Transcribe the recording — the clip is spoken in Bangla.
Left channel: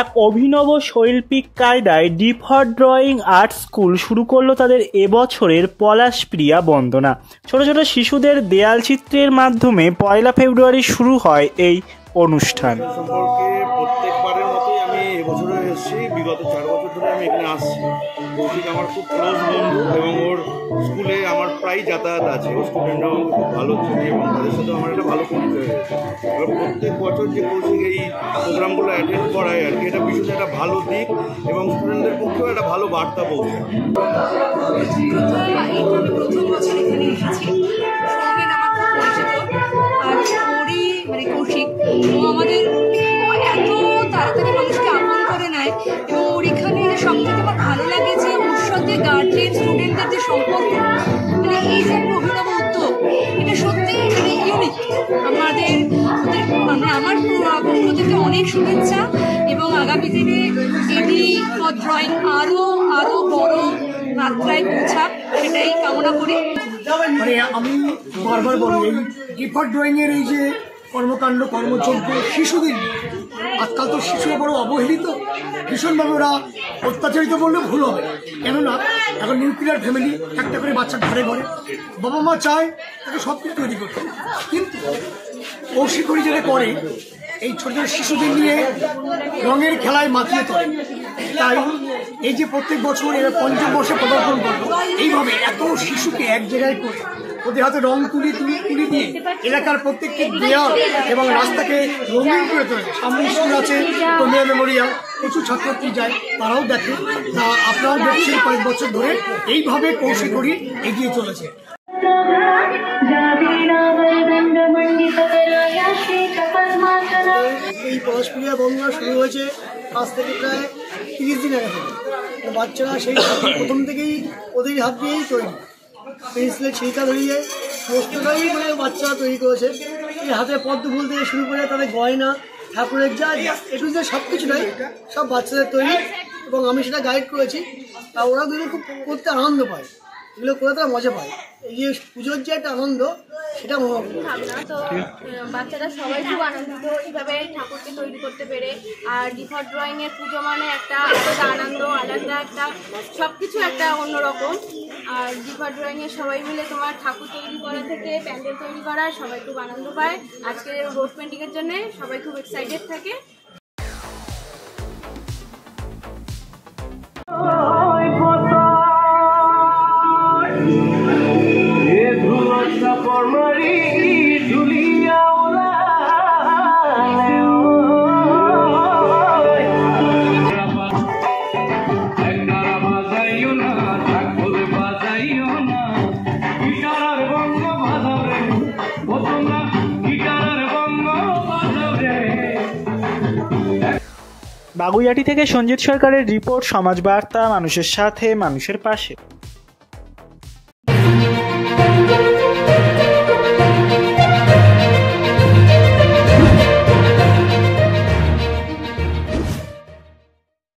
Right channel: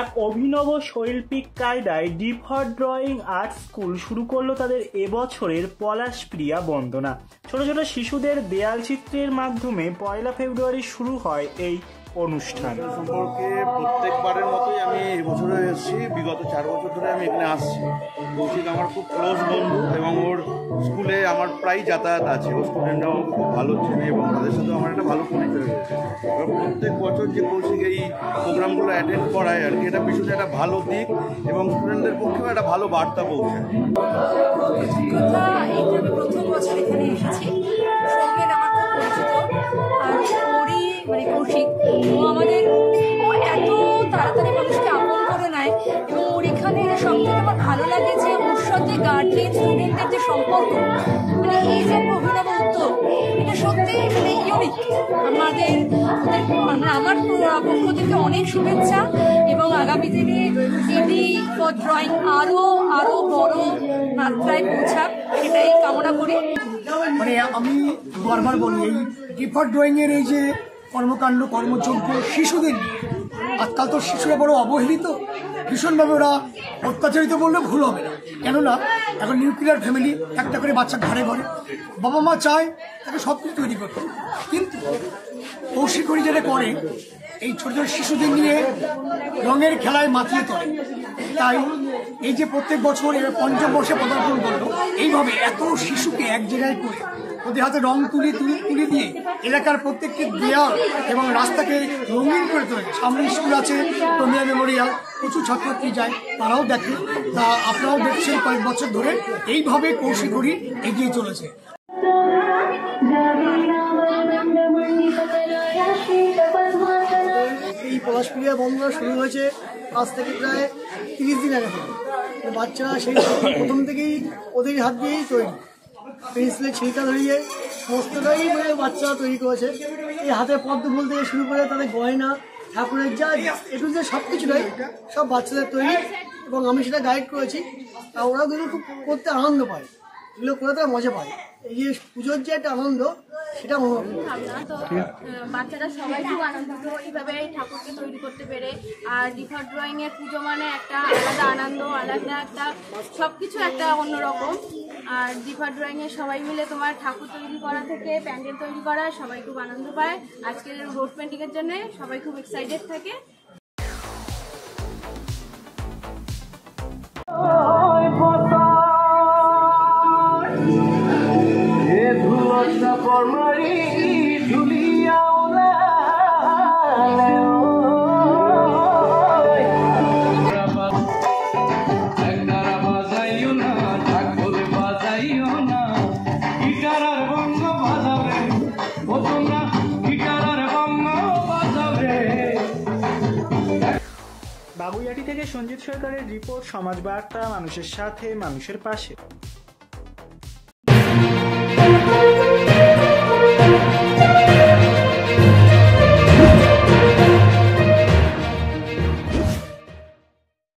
এক অভিনব শৈল্পিক কায়দায় ডিফল্ট ড্রয়িং আর্ট স্কুল শুরু করলো তাদের এবছরের পলাশপ্রিয়া বন্দনা। ছোট ছোট শিশুদের দেয়াল চিত্রের মাধ্যমে 1 ফেব্রুয়ারি শুরু হয় এই অনুষ্ঠান। সম্পর্কে প্রত্যেকবারের মতোই আমি এবছরে এসেছি, বিগত 4 বছর ধরে আমি এখানে আসছি। কৌশিক আমার খুব ক্লোজ বন্ধু এবং ওর স্কুলে আমার প্রায় যাতায়াত আছে। ওর স্টুডেন্টরাও আমাকে খুব ভালো চেনে এবং তাদের সাথেও আমার একটা ভালো পরিচয় হয়েছে। এবার প্রত্যেক বছর যে কৌশিক এই প্রোগ্রামগুলো অ্যাটেন্ড করায় আর কি, এটা ভীষণ একটা ভালো দিক এবং স্টুডেন্টদের পক্ষেও একটা ভালো বার্তা পৌঁছায়। প্রথম বছর এখানে এসেছি, সৌমেন আমার খুব পরিচিত, আর ওরই মানে কৌশিক, ও আমাদের এত তাড়াতাড়ি মানুষকে আপন করে নেয় এবং ওর এখানে সব থেকে আমার ভালো লাগে যে ওর সাথে গার্জেন স্টুডেন্টদের যে সম্পর্ক, মানে এই যে একটা অভিনব উদ্যোগ, এটা সত্যি মানে ইউনিক। আমাদের মানে আমার পক্ষ থেকে অনেক শুভেচ্ছা এবং আগামী দিনে এডি ফর ড্রয়িং আরও বড় মাত্রায় পৌঁছাক সেটাই কামনা করি। মানে আমি বারবার বলি, এই ডিফল্ট ড্রয়িংয়ের এই যে কর্মকাণ্ড কর্মযজ্ঞ শিশুদের, আজকাল তো শিশুরা বড় অবহেলিত, ভীষণভাবে ওরা অত্যাচারিত বললে ভুল হবে। কেননা এখন নিউক্লিয়ার ফ্যামিলি, একটা করে বাচ্চা ঘরে ঘরে, বাবা মা চায় তাকে সব কিছু তৈরি করতে, কিন্তু কৌশিক যেটা করে এই ছোট ছোট শিশুদের নিয়ে রঙের খেলায় মাতিয়ে তোলে। তাই এই যে প্রত্যেক বছর এরা 5ম বর্ষে পদার্পণ করলো, এইভাবে এত শিশুকে এক জায়গায় করে ওদের হাতে রং তুলি দিয়ে এলাকার প্রত্যেকটি দেয়াল এবং রাস্তাকে রঙিন করে তোলে। সামনে স্কুল আছে, কমিয়া মেমোরিয়াল, প্রচুর ছাত্রছাত্রী যায়, তারাও দেখে। তা আপনারাও দেখছেন কয়েক বছর ধরে এইভাবে কৌশিক এগিয়ে চলেছে। এই পলাশপ্রিয়া বন্দনা শুরু হয়েছে আজ থেকে প্রায় 30 দিন আগে থেকে। বাচ্চারা সেই প্রথম থেকেই ওদের হাত দিয়েই তৈরি, পেন্সিলে ছিলকা ধরিয়ে সমস্তটাই বাচ্চারা তৈরি করেছে। এই হাতের পদ্ম ফুল থেকে শুরু করে তাদের গয়না, ঠাকুরের যা একটু যে সব কিছু নয়, সব বাচ্চাদের তৈরি এবং আমি সেটা গাইড করেছি। আর ওরা কিন্তু খুব করতে আনন্দ পায়, এগুলো করে তারা মজা পায়। এই যে পুজোর যে একটা আনন্দ, সেটা মনে হয় তো বাচ্চারা সবাই খুব আনন্দিত এইভাবে ঠাকুরকে তৈরি করতে পেরে। আর ডিফল্ট ড্রয়িংয়ের পুজো মানে একটা আলাদা আনন্দ, আলাদা একটা সব কিছু একটা অন্যরকম। আর ডিফল্ট ড্রয়িংয়ের সবাই মিলে তোমার ঠাকুর তৈরি করা থেকে প্যান্ডেল তৈরি করা, সবাই খুব আনন্দ পায়। আজকের রোড পেন্টিংয়ের জন্য সবাই খুব এক্সাইটেড থাকে। বাগুইআটি থেকে সঞ্জিত সরকারের রিপোর্ট, সমাজ বার্তা, মানুষের সাথে মানুষের পাশে।